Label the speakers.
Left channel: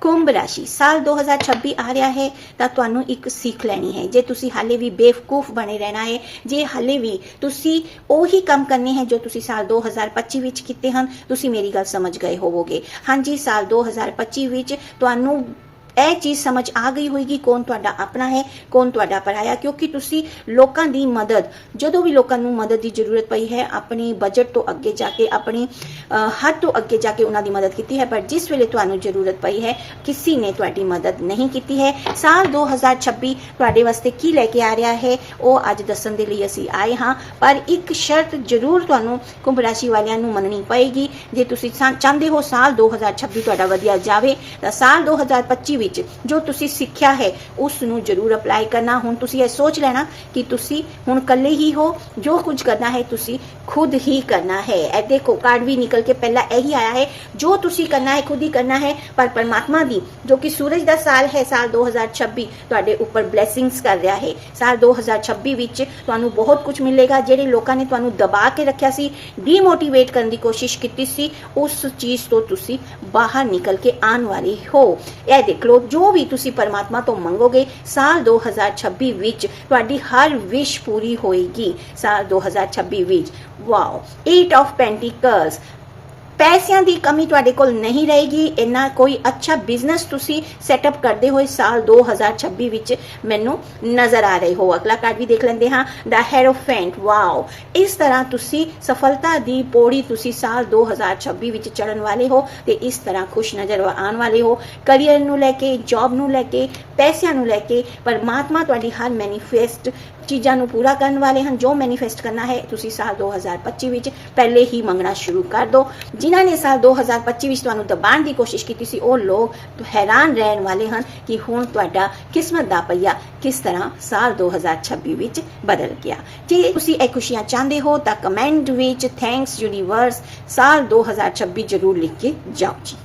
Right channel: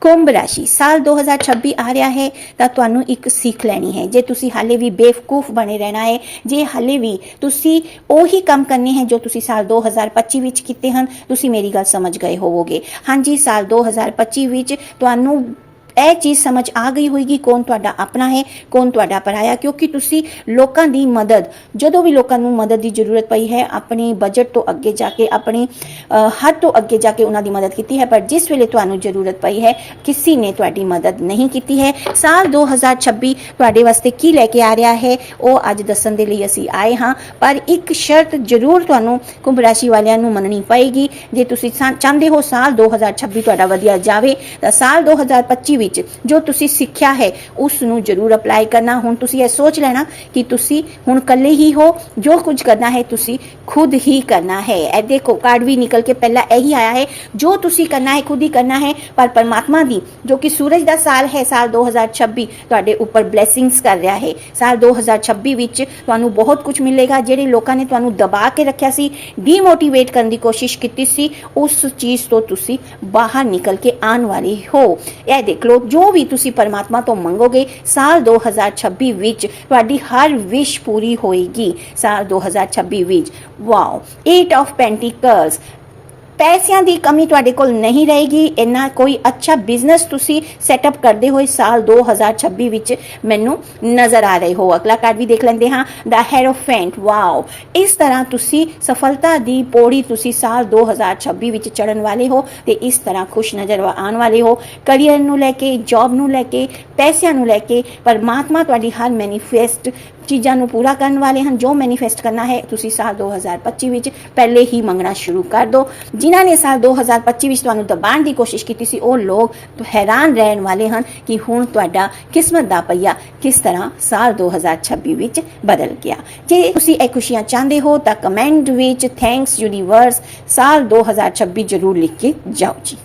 Speaker 1: ਕੁੰਭ ਰਾਸ਼ੀ ਸਾਲ 2026 ਆ ਰਿਹਾ ਹੈ, ਤਾਂ ਤੁਹਾਨੂੰ ਇੱਕ ਸਿੱਖ ਲੈਣੀ ਹੈ। ਜੇ ਤੁਸੀਂ ਹਾਲੇ ਵੀ ਬੇਵਕੂਫ ਬਣੇ ਰਹਿਣਾ ਹੈ, ਜੇ ਹਾਲੇ ਵੀ ਤੁਸੀਂ ਉਹੀ ਕੰਮ ਕਰਨੇ ਹੈ ਜੋ ਤੁਸੀਂ ਸਾਲ 2025 ਵਿੱਚ ਕੀਤੇ ਹਨ, ਤੁਸੀਂ ਮੇਰੀ ਗੱਲ ਸਮਝ ਗਏ ਹੋਵੋਗੇ। ਹਾਂਜੀ, ਸਾਲ 2025 ਵਿੱਚ ਤੁਹਾਨੂੰ ਇਹ ਚੀਜ਼ ਸਮਝ ਆ ਗਈ ਹੋਏਗੀ ਕੌਣ ਤੁਹਾਡਾ ਆਪਣਾ ਹੈ, ਕੌਣ ਤੁਹਾਡਾ ਪਰਾਇਆ, ਕਿਉਂਕਿ ਤੁਸੀਂ ਲੋਕਾਂ ਦੀ ਮਦਦ, ਜਦੋਂ ਵੀ ਲੋਕਾਂ ਨੂੰ ਮਦਦ ਦੀ ਜ਼ਰੂਰਤ ਪਈ ਹੈ, ਆਪਣੇ ਬਜਟ ਤੋਂ ਅੱਗੇ ਜਾ ਕੇ, ਆਪਣੀ ਹੱਦ ਤੋਂ ਅੱਗੇ ਜਾ ਕੇ ਉਹਨਾਂ ਦੀ ਮਦਦ ਕੀਤੀ ਹੈ, ਪਰ ਜਿਸ ਵੇਲੇ ਤੁਹਾਨੂੰ ਜ਼ਰੂਰਤ ਪਈ ਹੈ, ਕਿਸੇ ਨੇ ਤੁਹਾਡੀ ਮਦਦ ਨਹੀਂ ਕੀਤੀ ਹੈ। ਸਾਲ 2026 ਤੁਹਾਡੇ ਵਾਸਤੇ ਕੀ ਲੈ ਕੇ ਆ ਰਿਹਾ ਹੈ, ਉਹ ਅੱਜ ਦੱਸਣ ਦੇ ਲਈ ਅਸੀਂ ਆਏ ਹਾਂ, ਪਰ ਇੱਕ ਸ਼ਰਤ ਜ਼ਰੂਰ ਤੁਹਾਨੂੰ ਕੁੰਭ ਰਾਸ਼ੀ ਵਾਲਿਆਂ ਨੂੰ ਮੰਨਣੀ ਪਏਗੀ। ਜੇ ਤੁਸੀਂ ਚਾਹੁੰਦੇ ਹੋ ਸਾਲ 2026 ਤੁਹਾਡਾ ਵਧੀਆ ਜਾਵੇ, ਤਾਂ ਸਾਲ 2025 ਵਿੱਚ ਜੋ ਤੁਸੀਂ ਸਿੱਖਿਆ ਹੈ ਉਸ ਨੂੰ ਜ਼ਰੂਰ ਅਪਲਾਈ ਕਰਨਾ। ਹੁਣ ਤੁਸੀਂ ਇਹ ਸੋਚ ਲੈਣਾ ਕਿ ਤੁਸੀਂ ਹੁਣ ਇਕੱਲੇ ਹੀ ਹੋ, ਜੋ ਕੁਝ ਕਰਨਾ ਹੈ ਤੁਸੀਂ ਖੁਦ ਹੀ ਕਰਨਾ ਹੈ। ਇਹ ਦੇਖੋ ਕਾਰਡ ਵੀ ਨਿਕਲ ਕੇ ਪਹਿਲਾਂ ਇਹੀ ਆਇਆ ਹੈ, ਜੋ ਤੁਸੀਂ ਕਰਨਾ ਹੈ, ਖੁਦ ਹੀ ਕਰਨਾ ਹੈ। ਪਰ ਪਰਮਾਤਮਾ ਦੀ, ਜੋ ਕਿ ਸੂਰਜ ਦਾ ਸਾਲ ਹੈ, ਸਾਲ 2026 ਤੁਹਾਡੇ ਉੱਪਰ ਬਲੇਸਿੰਗਸ ਕਰ ਰਿਹਾ ਹੈ। ਸਾਲ 2026 ਵਿੱਚ ਤੁਹਾਨੂੰ ਬਹੁਤ ਕੁਝ ਮਿਲੇਗਾ, ਜਿਹੜੇ ਲੋਕਾਂ ਨੇ ਤੁਹਾਨੂੰ ਦਬਾ ਕੇ ਰੱਖਿਆ ਸੀ ਡੀਮੋਟੀਵੇਟ ਕਰਨ ਦੀ ਕੋਸ਼ਿਸ਼ ਕੀਤੀ ਸੀ, ਉਸ ਚੀਜ਼ ਤੋਂ ਤੁਸੀਂ ਬਾਹਰ ਨਿਕਲ ਕੇ ਆਉਣ ਵਾਲੇ ਹੋ। ਇਹ ਦੇਖ ਲਓ ਜੋ ਵੀ ਤੁਸੀਂ ਪਰਮਾਤਮਾ ਤੋਂ ਮੰਗੋਗੇ, ਸਾਲ 2026 ਵਿੱਚ ਤੁਹਾਡੀ ਹਰ ਵਿਸ਼ ਪੂਰੀ ਹੋਏਗੀ। ਸਾਲ 2026 ਵਿੱਚ ਵਾਓ 8 ਆਫ ਪੈਂਟੀਕਲਸ ਪੈਸਿਆਂ ਦੀ ਕਮੀ ਤੁਹਾਡੇ ਕੋਲ ਨਹੀਂ ਰਹੇਗੀ। ਇੰਨਾ ਕੋਈ ਅੱਛਾ ਬਿਜ਼ਨਸ ਤੁਸੀਂ ਸੈਟਅਪ ਕਰਦੇ ਹੋਏ ਸਾਲ 2026 ਵਿੱਚ ਮੈਨੂੰ ਨਜ਼ਰ ਆ ਰਹੇ ਹੋ। ਅਗਲਾ ਕਾਰਡ ਵੀ ਦੇਖ ਲੈਂਦੇ ਹਾਂ। ਦਾ ਹੈਰੋਫੈਂਟ ਵਾਓ ਇਸ ਤਰ੍ਹਾਂ ਤੁਸੀਂ ਸਫਲਤਾ ਦੀ ਪੌੜੀ ਤੁਸੀਂ ਸਾਲ 2026 ਵਿੱਚ ਚੜਨ ਵਾਲੇ ਹੋ ਤੇ ਇਸ ਤਰ੍ਹਾਂ ਖੁਸ਼ ਨਜ਼ਰ ਆਉਣ ਵਾਲੇ ਹੋ। ਕੈਰੀਅਰ ਨੂੰ ਲੈ ਕੇ ਜੌਬ ਨੂੰ ਲੈ ਕੇ, ਪੈਸਿਆਂ ਨੂੰ ਲੈ ਕੇ ਪਰਮਾਤਮਾ ਤੁਹਾਡੀ ਹਰ ਮੈਨੀਫੈਸਟ ਚੀਜ਼ਾਂ ਨੂੰ ਪੂਰਾ ਕਰਨ ਵਾਲੇ ਹਨ। ਜੋ ਮੈਨੀਫੈਸਟ ਕਰਨਾ ਹੈ, ਤੁਸੀਂ ਸਾਲ 2025 ਵਿੱਚ ਪਹਿਲੇ ਹੀ ਮੰਗਣਾ ਸ਼ੁਰੂ ਕਰ ਦਿਓ। ਜਿਨ੍ਹਾਂ ਨੇ ਸਾਲ 2025 ਵਿੱਚ ਤੁਹਾਨੂੰ ਦਬਾਉਣ ਦੀ ਕੋਸ਼ਿਸ਼ ਕੀਤੀ ਸੀ, ਉਹ ਲੋਕ ਹੈਰਾਨ ਰਹਿਣ ਵਾਲੇ ਹਨ ਕਿ ਹੁਣ ਤੁਹਾਡਾ ਕਿਸਮਤ ਦਾ ਪਈਆ ਕਿਸ ਤਰ੍ਹਾਂ ਸਾਲ 2026 ਵਿੱਚ ਬਦਲ ਗਿਆ। ਜੇ ਤੁਸੀਂ ਇਹ ਖੁਸ਼ੀਆਂ ਚਾਹੁੰਦੇ ਹੋ ਤਾਂ ਕਮੈਂਟ ਵਿੱਚ ਥੈਂਕਸ ਯੂਨੀਵਰਸ ਸਾਲ 2026 ਜ਼ਰੂਰ ਲਿਖ ਕੇ ਜਾਓ ਜੀ।